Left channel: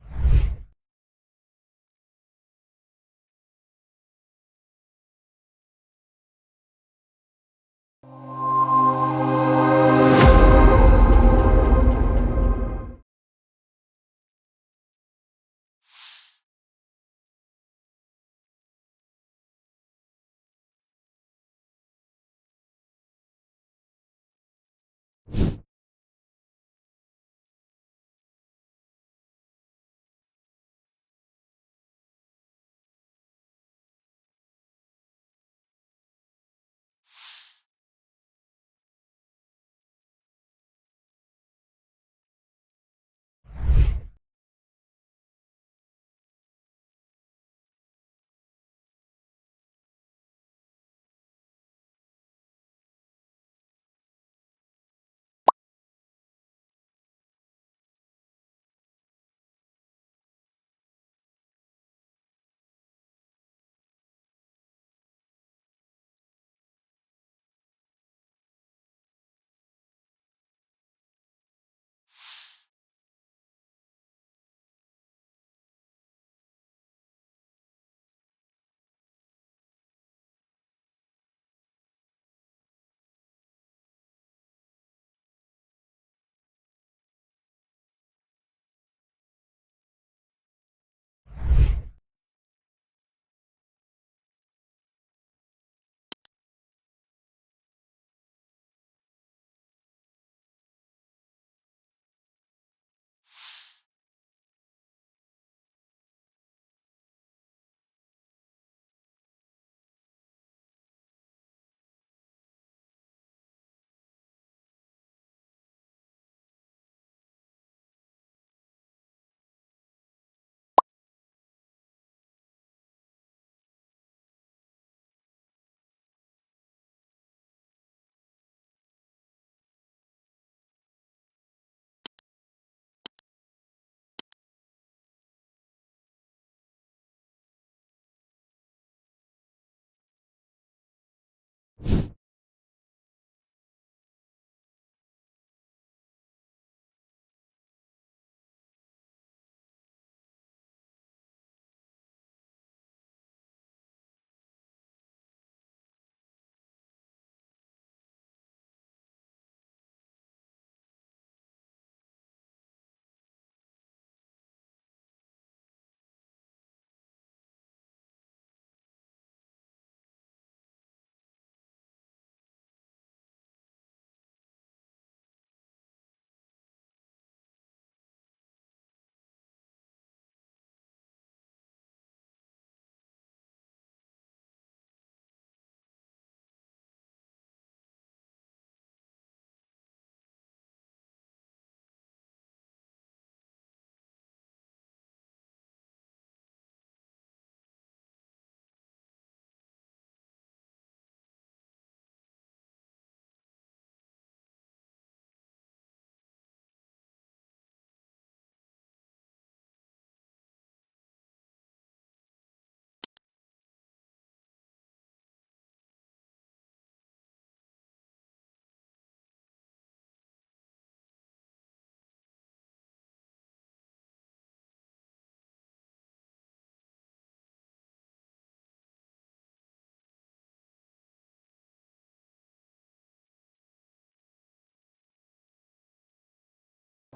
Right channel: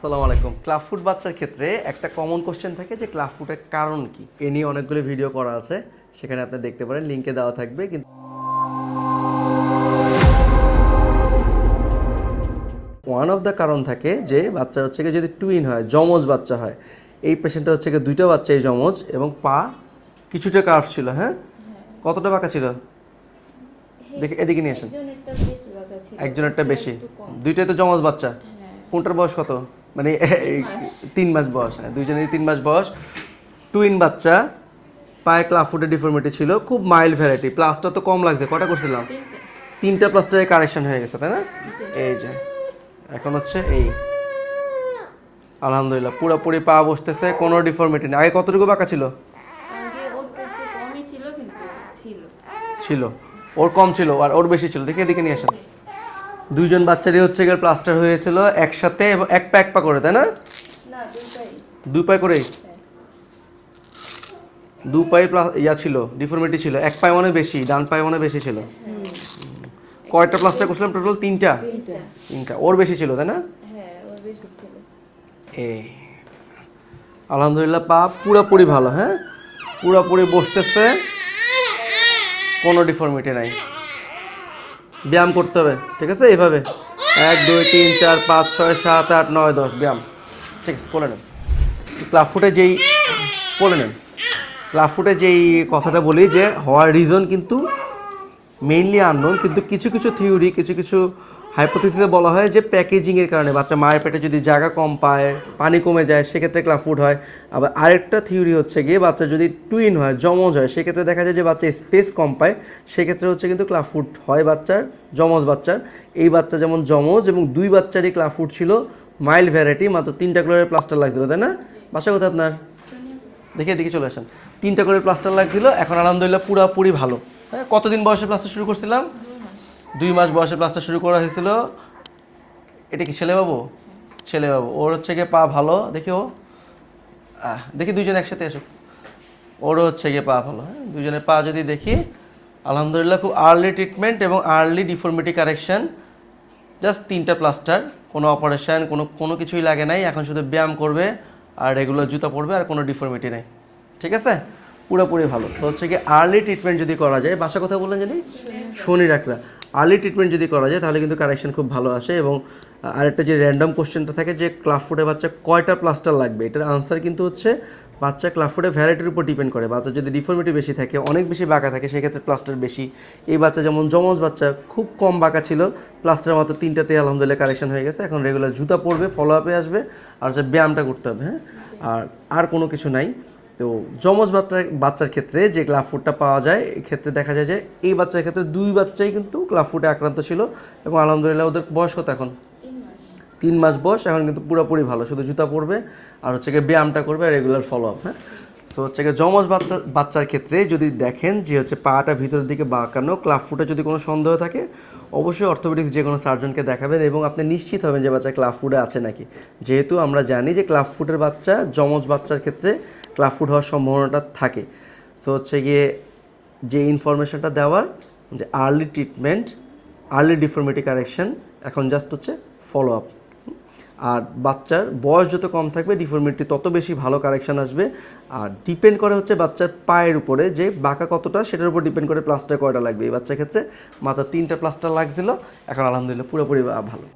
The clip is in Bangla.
আসসালামু আলাইকুম। ক্লাব ফুড বাচ্চার ক্ষেত্রে একটা কমন কোশ্চেন থাকে যে ক্লাব ফুডের কারণ কি? এ নিয়ে অনেকগুলো ভিডিও করা আছে। সেখানে আপনি দেখতে পারেন লিঙ্কে দেওয়া থাকবে কিন্তু ওয়ান অফ দ্য কারণ থাকে যে বাচ্চা হচ্ছে গিয়ে যদি টুইন হয় যমজ বাচ্চা হয় এই পেশেন্টটা হচ্ছে গিয়ে দুইটা বাচ্চাই যমজ এবং পা কিছুটা কার্ভ ছিল হ্যাঁ? কতটা বাঁকা ছিল? দেখে এদিকে নিয়ে আসেন। একজনেরটা বেশি দুইটাই তো যমজ বাচ্চা। হ্যাঁ। কোনটার বয়স কত? মানে এই তিন মাস বয়স হ্যাঁ দুইজনেরই তিন মাস বয়স। টুইন বাচ্চা পায়ে ক্লাফুটের ডিফর্মিটি ছিল খুব মাইল্ড ভ্যারাইটি প্লাসটা তো কম লাগছে কটা করছিলাম তিনটা প্লাসটায় কারেকশন হয়ে গেছে তাই না? এই যে এখন হচ্ছে এই। আলহামদুলিল্লাহ পুরোপুরি পা বসতেছে কোনো ডিফর্মিটি নেই। আগে কতটুকু বাঁকা ছিল। ছিল। ওর কম ছিল আর ওর বেশি ছিল। দেখে এদিকে নিয়ে আসেন। দুইজন বাচ্চারই হচ্ছে গেলে প্লাস্টার হয়েছিল একসাথে এক পা এক পা করে তাই না? দুই পায়ে। করেই? দু পায়ে প্লাস ইয়া ছিল ডিফর্মিটি ছিল। এক পায়ে মনে বেশি ডান পায়ে মনে বেশি ছিল। কয়টা প্লাস্টার করছিলাম টোটাল তিনটা? তিনটা। ওর বেশি ছিল তাই না? হ্যাঁ এই আলহামদুলিল্লাহ পা পুরোপুরি ভালো হ্যাঁ? পুরোপুরি বসতেছে কোনো ডিফর্মিটি নাই। ব্যায়াম করতে হবে, ঠিক আছে? এইভাবে। এক, দুই, তিন, চার, পাঁচ, ছয়, সাত, আট, নয়, দশ, ব্যায়াম। ঠিক আছে, বলে নেন। ক্লাব ফুটে যেই, বলে নেন। ক্লাব ফুটে যেই কথাটা বলি যে, হওয়ার রিজন কিন্তু মেইনলি আননোন কিন্তু কিছু কিছু থিওরি কিছু কিছু হাইপোথিসিসে বলা হয় যে প্যাকেজিংয়ের কারণে বাচ্চা মায়ের পেটে যদি জায়গা কম পায়, পানি কমে যায়, সেক্ষেত্রে ক্লাফুড হয়। আবার আরেকটা থিওরি হচ্ছে গিয়ে বাচ্চা যদি টুইন হয় জমজ হয়, সেক্ষেত্রে দেখা যায় যে বাচ্চা স্পেস কম পায়। সেক্ষেত্রে হচ্ছে কিন্তু ক্লাফুড হয় বাচ্চার জমজ বাচ্চার। এই বাচ্চা যেমন জমজ এবং দুই বাচ্চারই ক্লাফুড ছিল মাইল্ড ভ্যারাইটি মাত্র তিনটা করে প্লাস্টার লাগছিল, তাই না? বাসা কোথায় আপনার? দেখে দেখে চলে আসেন। তিনটা করে প্লাস্টার লাগছিল, এখন আলহামদুলিল্লাহ পুরাপুরি ভালো। হ্যাঁ কতদিন বয়সে প্লাস্টার শুরু করছিলাম? দুই মাস বয়সে প্লাস্টার শুরু করা হয়েছিল। এটা কি ছেলে বাবু ছেলে বাবু ওর হচ্ছে গিয়ে পা ভালো দেখি ও। দেখি দুইজন একসাথে এসো ওরও হচ্ছে গিয়ে পা ভালো। হ্যাঁ দুজনের পা যদি দেখি আলহামদুলিল্লাহ খুব আর্লি ট্রিটমেন্ট এবং আর্লি ডিফর্মিটি কারেকশন জাস্ট তিনটা প্লাস্টার কোনো অপারেশন কোনো কোনো কিছুই লাগে নাই। এখন শুধু ব্যায়াম করবে আর রেগুলার জুতা পরবে আর কোনো ডিফর্মিটি নেই। ঠিক আছে? পুরোপুরি ভালো। তো হচ্ছে কি আর্লি ট্রিটমেন্ট যদি করা যায় বাসা কথা বললেন জানি? শনি রাখরা। আর্লি ট্রিটমেন্ট যদি করা যায়, তাহলে কিন্তু কারেকশন খুব ভালো আসে এবং আরেকটা যে র্যান্ডম কোশ্চেনটা থাকে যে ক্লাফুডে বাচ্চা কয়টা প্লাস্টার লাগবে? এটার আনসার কিন্তু হচ্ছে, বাচ্চা ক্লাফুডে ভ্যারাইটির উপর ডিপেন্ড করে। বাচ্চা যদি ডিফর্মিটি বেশি থাকে, অনেক বেশি বাঁকা থাকে, সেক্ষেত্রে প্লাস্টার বেশি। এই বাচ্চা যেমন যমজ বাচ্চা, খুব কম বাঁকা ছিল প্লাস্টার মাত্র তিনটাতে আলহামদুলিল্লাহ কারেকশন হয়ে গেছে। এখন রেগুলার জুতা পরবে ফলো আপে আসবে, আর হচ্ছে ব্যায়ামটা করতে হবে হ্যাঁ? আর আর কোনো কিছু নাই। তো যমজ বাচ্চার বাচ্চার ক্ষেত্রে যে ক্লাব ফুডটা পাওয়া যায় এক্ষেত্রে দেখা যায় যে এই বাচ্চার ক্ষেত্রে দুই বাচ্চাই কিন্তু ফুডে আক্রান্ত ছিল এবং আলহামদুলিল্লাহ ওদের বয়স কত এখন? তিন মাস। বয়স এখন কিন্তু পুরোপুরি ভালো। শুধু জুতা পরবে আর হচ্ছে গিয়ে ব্যায়ামটা করবে আর রেগুলার ফলো আপ হ্যাঁ? তো হচ্ছে গিয়ে যমজ বাচ্চার বাচ্চার ক্ষেত্রে যদি দেখেন যে হচ্ছে পাটা ভিতরের দিকে বাঁকানো ক্লাব ফুটে যদি কোনো সন্দেহ থাকে অবশ্যই অর্থোপেডিক্স যে কোনো সার্জনকে দেখাবেন এবং আপনি নিশ্চিত হবেন যে বাচ্চা ক্লাব ফুডে আছে নাকি। যেহেতু আমরা জানি যে ক্লাব ফুডের বাচ্চা যমজ বাচ্চার ক্ষেত্রে ক্লাব ফুড হওয়ার সম্ভাবনাটা থাকে। সো হচ্ছে গিয়ে যে ইনফরমেশনটা দেওয়ার যে early treatment early deformity correction এখন জাস্ট হচ্ছে ফলো আপ আর বাচ্চার বয়স যত কম থাকবে ডিফর্মিটি তত বেশি ভালো কারেকশন আসবে। আর ডিপেন্ড করে হচ্ছে বাচ্চার পায়ের উপরে যে বাঁকা কতটা, সেটার উপর ডিপেন্ড করে প্লাস্টার কয়টা লাগবে। এই বাচ্চার ক্ষেত্রে মাত্র তিনটা প্লাস্টার লাগছিল, এখন আলহামদুলিল্লাহ পুরোপুরি ভালো।